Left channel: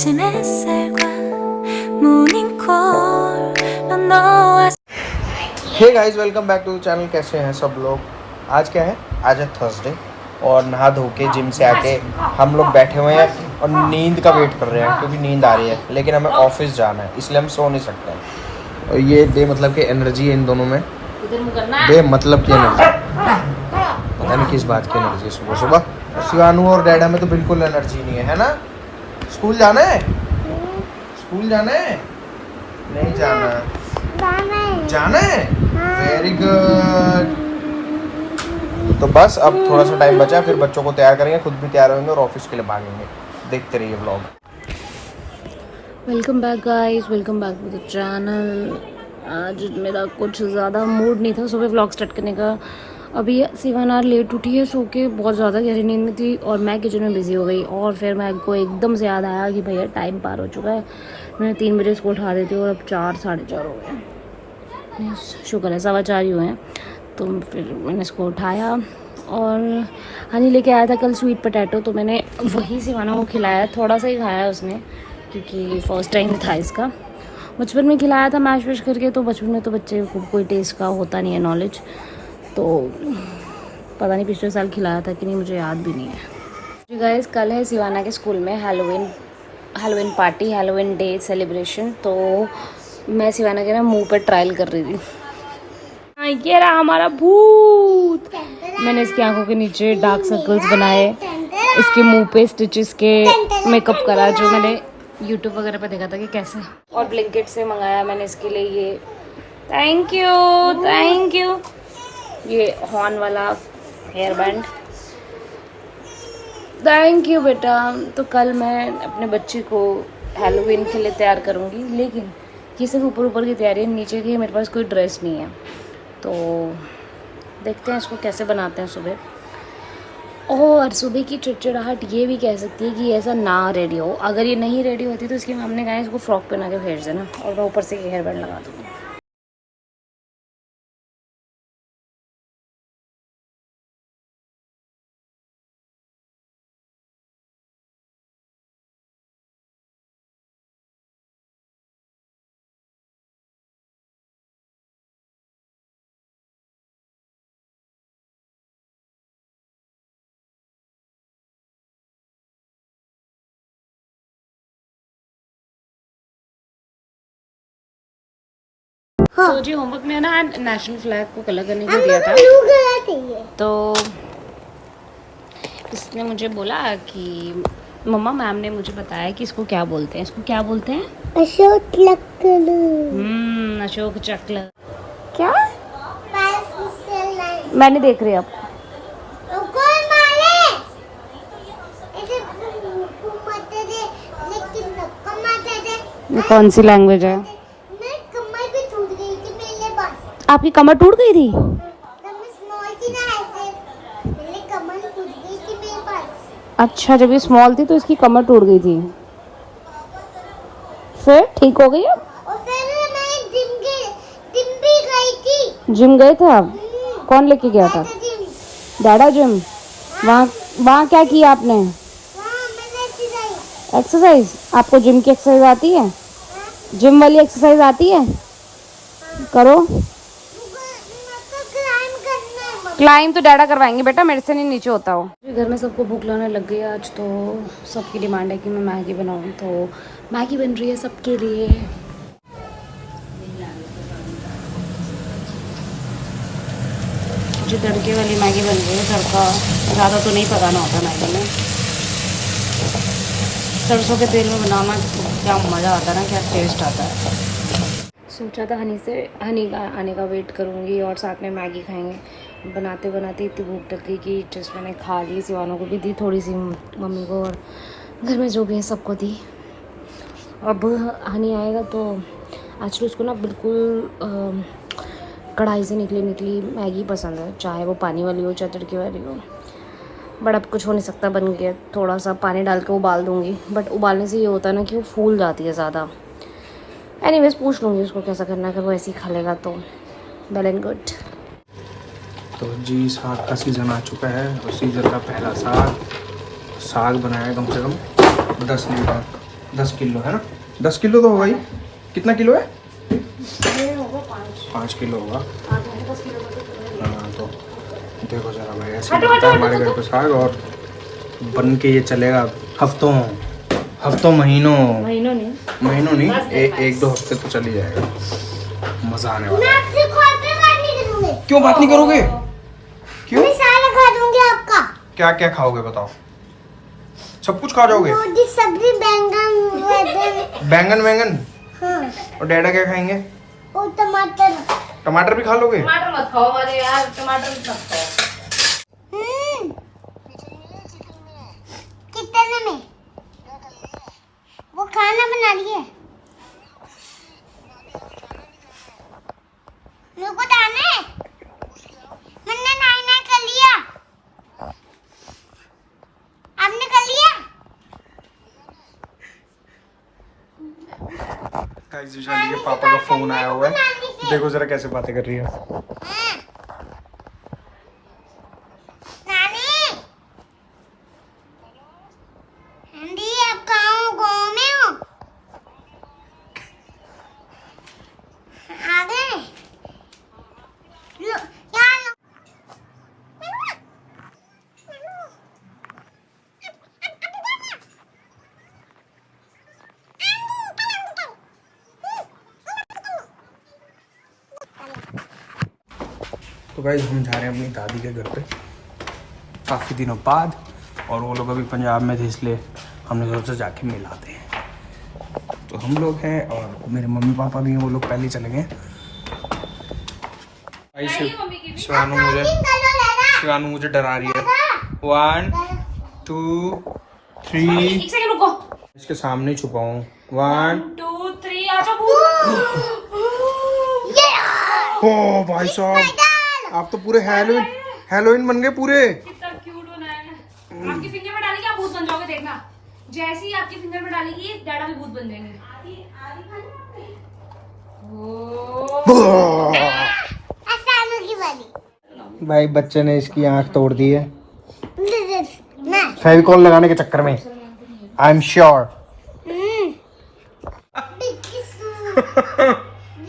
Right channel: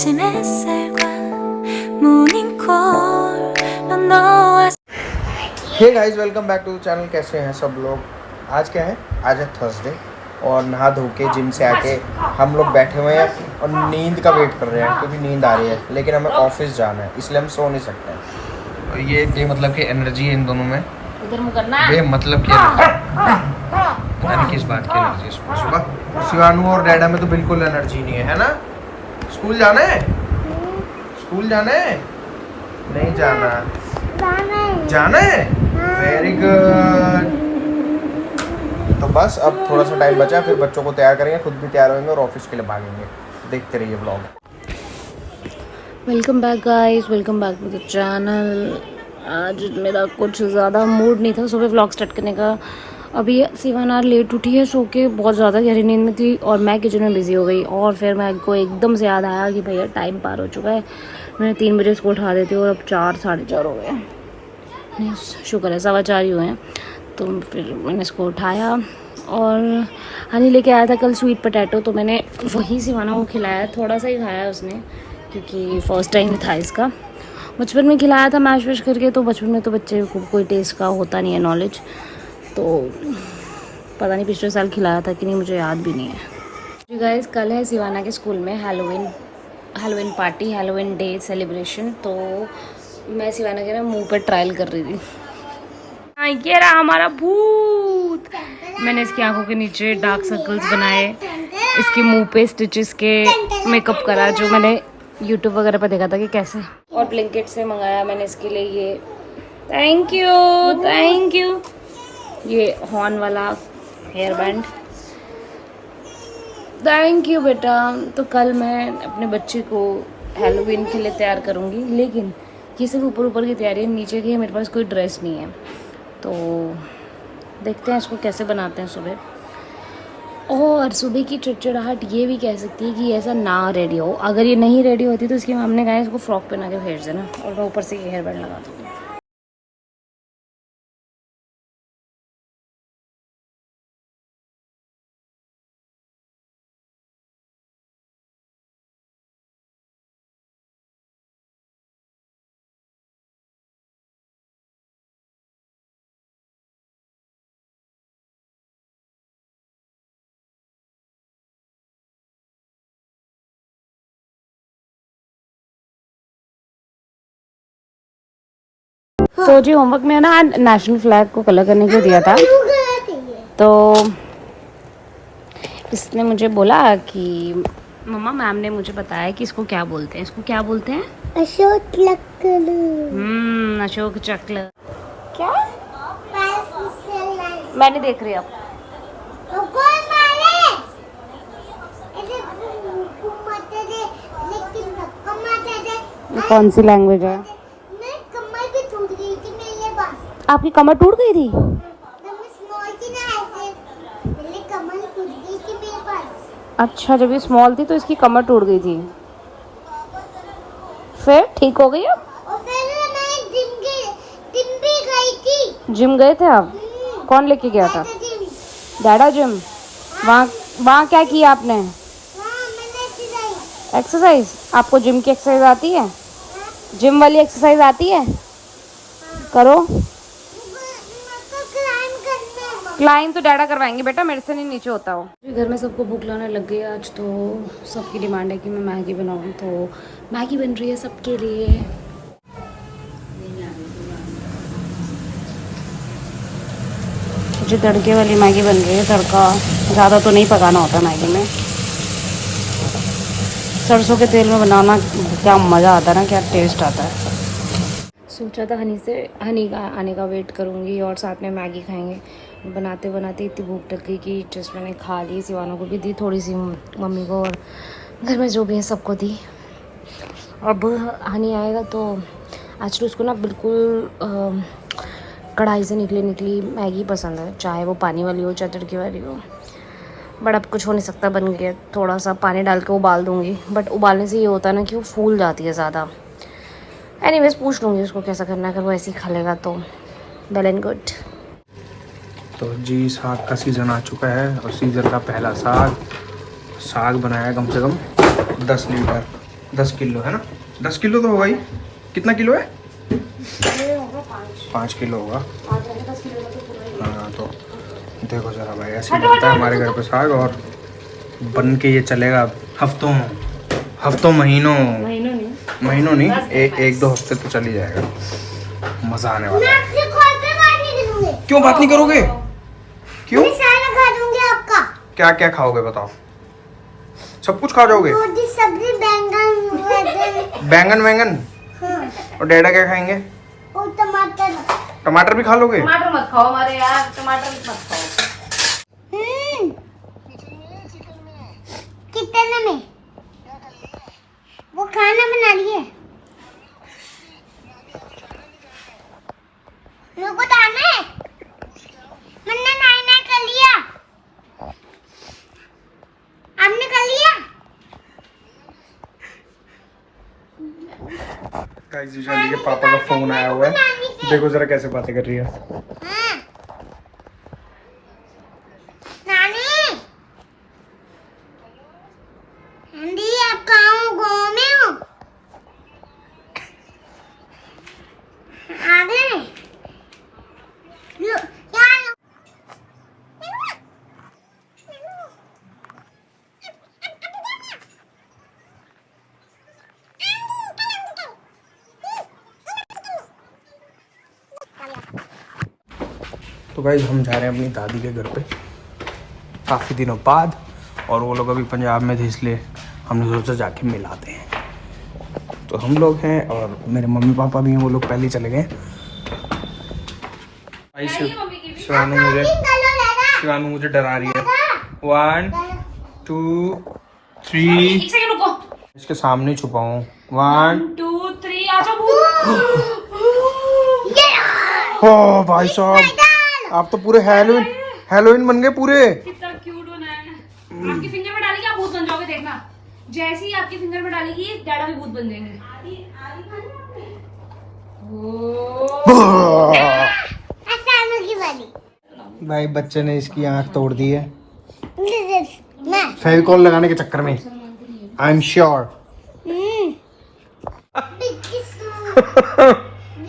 아침 햇살과 모닝콜로 너와 hey guys welcome back to channel. कैसे हैं सब लोग? आज क्या है? आज है थर्सडे और नहा धो के जिम से आके हम लोग बैठे हुए हैं और नींद का वेट कर रहे हैं क्योंकि नींद आ रही है, लेकिन हमें ऑफिस जाना है इसलिए हम सो नहीं सकते हैं। और ये बेमतलब की एनर्जी है इन दोनों में, बेमतलब की एनर्जी, यानी किस बात की एनर्जी? सुबह सुबह शिवानू और डैडा में तो बिल्कुल एनर्जी नहीं है ना? स्कूल जाना है? स्कूल जाना है? नहीं जाना है? Very good. तो बस अब थोड़ा सा टाइम बचा, फिर बच्चों को तैयार करेंगे, खुद भी तैयार होंगे और ऑफिस के लिए भागेंगे। देखते रहिए vlog. Welcome back guys, welcome back to the channel. आज मेरा कुछ ज़्यादा मूड नहीं था सुबह व्लॉग स्टार्ट करने का। अभी सिवाना लेट उठी है सो के, बहुत ज़्यादा गहरी नींद में थी और मैं किचन में बिजी हो गई। और फिर मेरे को एकदम से याद आया कि भैया टाइम पार हो चुका है, मैंने 3 बजे उसको उठा देती हूँ और अब 4 साढ़े 4 हो गए। शुक्र है 4:15 ही हुए हैं। तो फिर मैंने इसको उठाया और हनी लेके आया था कल स्वीट पोटैटो, तो मैंने वही सिवाना को खिलाया। थोड़ा सा ही खाया उसने क्योंकि फर्स्ट टाइम था इसका। बचपन में खिलाया था मैश वैश करके, तो बचपन में तो बच्चे को कोई टेस्ट का होता नहीं है नॉलेज, तो पता नहीं पिछले साल खिलाया था कि नहीं, मुझे याद भी नहीं है। जी गाइस, कल है सिवाना के स्कूल में Halloween party, Halloween day celebration. तो मैं सिवाना के ना मुंह पे ट्रायल कर रही थी। हाँ, ये रहा हमारा भूत। मैंने इसकी आंखों के नीचे डार्क सर्कल्स बनाए, इसके मुंह पे स्टिचेस के मेकअप करा, जो मैंने यूट्यूब वगैरह पर देखा था कि कैसे। और ब्लिंकिट से मंगाया मैंने इसके लिए ये, थैंक यू, ये हॉर्न वाला हेयर बैंड, थैंक यू बेटा। तो कल मैं अपने बच्चे को हैलोवीन के लिए तैयार करूँगी, लेकिन ये सिर्फ ऊपर की तैयारी है, नीचे की मेरे पास कोई ड्रेस नहीं है। तो देखते हैं इसको कैसे बनाते हैं सुबह। और सुबह की चिड़चिड़ाहट ये भी कह सकती है कि ऐसा ना रेडी हो। अगर ये नहीं रेडी होती तो इसकी मम्मी ने कहा इसको फ्रॉक पहना के भेज देना और मैं ऊपर से ये हेयर बैंड लगा दूँगी। तो जी होमवर्क में ना नेशनल फ्लैग को कलर करने को दिया था, तो इसने मुझे बोला कि मम्मा मैम ने मुझे बताया कि इसको क्या बोलते हैं, इसको क्या बोलते हैं? अशोक चक्र। अशोक चक्र। क्या? मैं नहीं देख रही अब। कौन सी लैंग्वेज है? कमर भी टूट गई थी मेरे पास। आपकी कमर टूट गई थी? मेरी कमर टूट गई थी मेरे पास। अच्छा, जब ये स्मॉल थी तो इसकी कमर टूट गई थी, फिर ठीक हो गई अब? और फिर मैं जिम भी गई थी। जिम गए थे आप? कौन लेके गया था? डैडा जिम। वहाँ क्या किया आपने? मैंने एक्सरसाइज। आपको जिम की एक्सरसाइज आती है? जिम वाली एक्सरसाइज आती है? करो। क्लाइम तो डैडा करवाएंगे बेटा, मेरे से नहीं नीचे होता हो। घर में सबको भूख लगने लग गई आज, तो सबकी डिमांड है कि मैं मैगी बनाऊं, तो मैगी बन रही है सबके लिए। जो तड़के वाली मैगी बन रही है, तड़का ज़्यादा तो नहीं पकाना होता मैगी में, सरसों के तेल में बनाना क्या मज़ा आता है ना, क्या टेस्ट आता है। सोचा था हनी का आने का वेट करूँगी और साथ में मैगी खाएंगे। बनाते बनाते इतनी भूख लग गई कि जस्ट मैंने खा ली, सिवानों को भी दी थोड़ी सी, मम्मी को और घर में जो भी है सबको दी। अब हनी आएगा तो एक्चुअली उसको ना बिल्कुल कढ़ाई से निकली मैगी पसंद है, चाहे वो पानी वाली हो चाहे तड़के वाली हो। बट अब कुछ हो नहीं सकता, बन गया। थोड़ा सा पानी डाल के उबाल दूँगी, बट उबालने से ये होता है ना कि वो फूल जाती है ज़्यादा। एनीवेज पूछ लूँगी उसको कैसा करना है, अगर वो ऐसे ही खा लेगा तो वेल एंड गुड। तो जी साग का सीज़न आ चुका है और सीज़न का पहला साग बनाया कम से कम 10 लीटर। 10 किलो है ना, 10 किलो तो होगा ही। कितना किलो है? ये होगा 5 किलो होगा। 10 किलो का तो हाँ तो देखो जरा भाई, ऐसे ही बनता है हमारे घर पे साग, और बन के ये चलेगा हफ्तों महीनों नहीं, एक दो हफ्ते तो चल ही जाएगा। मजा आने वाला है। आपसे कॉल पे बात नहीं करूंगी। क्यों बात नहीं करोगे? क्यों? मैं सारा खा दूंगी आपका। क्या क्या खाओगे बताओ? सब कुछ खा जाओगे? रोटी सब्जी बैंगन। बैंगन वैंगन? हाँ। और डैडा क्या खाएंगे? और टमाटर। टमाटर भी खा लोगे? टमाटर मत खाओ अरे यार, टमाटर मत खाओ। कितने में वो खाना बना लिए? मेरे को डालना है। मैंने नाई कर लिया। आपने कर लिया? गाइस विशाली के पापा का फोन आया हुआ है, देखो जरा कैसे बातें कर रही है। हाँ। नानी आंटी, आप कहाँ हो? गाँव में हो? आ गए? लो, यहाँ लो। तो गाइस हम जा रहे हैं अपनी दादी के घर पे काफ़ी दिनों बाद, और वो लोग अभी पंजाब में थे, इसलिए हमने सोचा जाके मिलाते हैं। तो हम लोग हैं और मेरे मम्मी पापा भी हैं, वो लोग पहले ही चले गए। शिवानू मुझे डरा रही है। 1 2 3 एक सेकंड रुको। इसके सामने ही छुपा हूँ। 1 2 3 आ जाओ। ओ भाई साहब, आप तो पूरे हेलोइन बन गए पूरे। कितना क्यूट होना है। आपकी फिंगर में डालेगी आप भूत बन जाओगे, देखना। जैसे ही आपकी फिंगर में डालेगी डैडा भी भूत बन जाएंगे। आसानों की वाली। भाई बच्चे ने इसकी आंख तोड़ दी है मैं। फेविकॉल लगाने के चक्कर में, आई एम श्योर।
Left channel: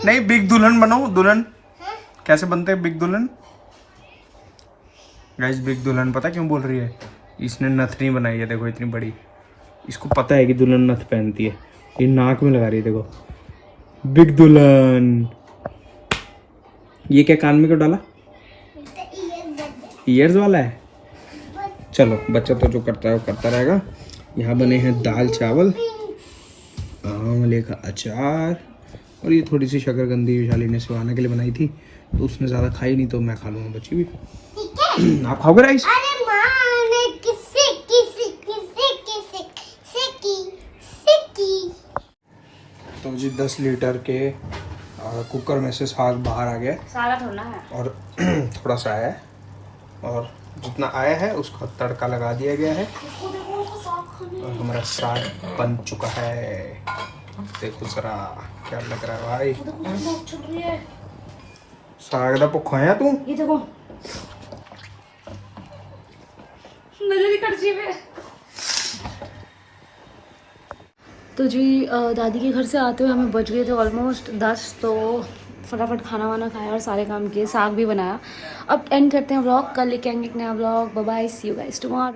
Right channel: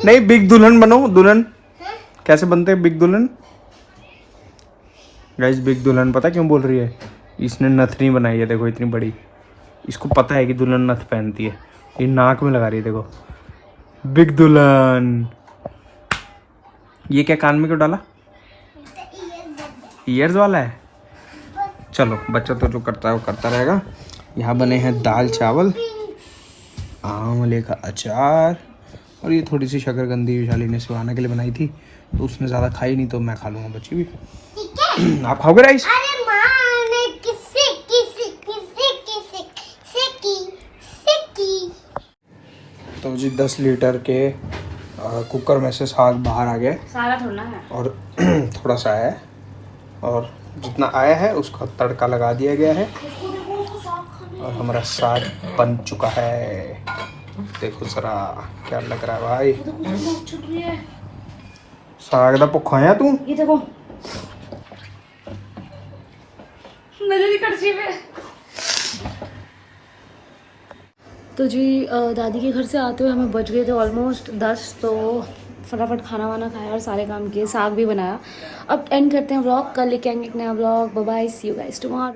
नहीं, बिग दुल्हन बनो। दुल्हन कैसे बनते हैं? बिग दुल्हन गाइस, बिग दुल्हन पता क्यों बोल रही है? इसने नथनी बनाई है, देखो इतनी बड़ी। इसको पता है कि दुल्हन नथ पहनती है, ये नाक में लगा रही है, देखो बिग दुल्हन। ये क्या कान में क्यों डाला? ईयर्स वाला है। चलो बच्चा तो जो करता है वो करता रहेगा। यहाँ बने हैं दाल चावल, आंवले का अचार, और ये थोड़ी सी शकरकंदी विशाली ने शिवाना के लिए बनाई थी, तो उसने ज़्यादा खाई नहीं, तो मैं खा लूँगा, बच्ची भी। आप खाओगे राइस? अरे माँ ने किसी तो जी 10 लीटर के कुकर में से साग बाहर आ गया, सारा थोड़ा है और थोड़ा सा आया है, और जितना आया है उसका तड़का लगा दिया गया है, और हमारा साग बन चुका है। देखो जरा क्या लग रहा है भाई। साग दा भुखा है तू? ये देखो नजर कड़छी में। तो जी दादी के घर से आते हुए हमें बज गए थे ऑलमोस्ट 10, तो फटाफट खाना वाना खाया और सारे काम किए, साग भी बनाया। अब एंड करते हैं व्लॉग, कल लेके आएंगे एक नया vlog. Bye bye, see you guys tomorrow.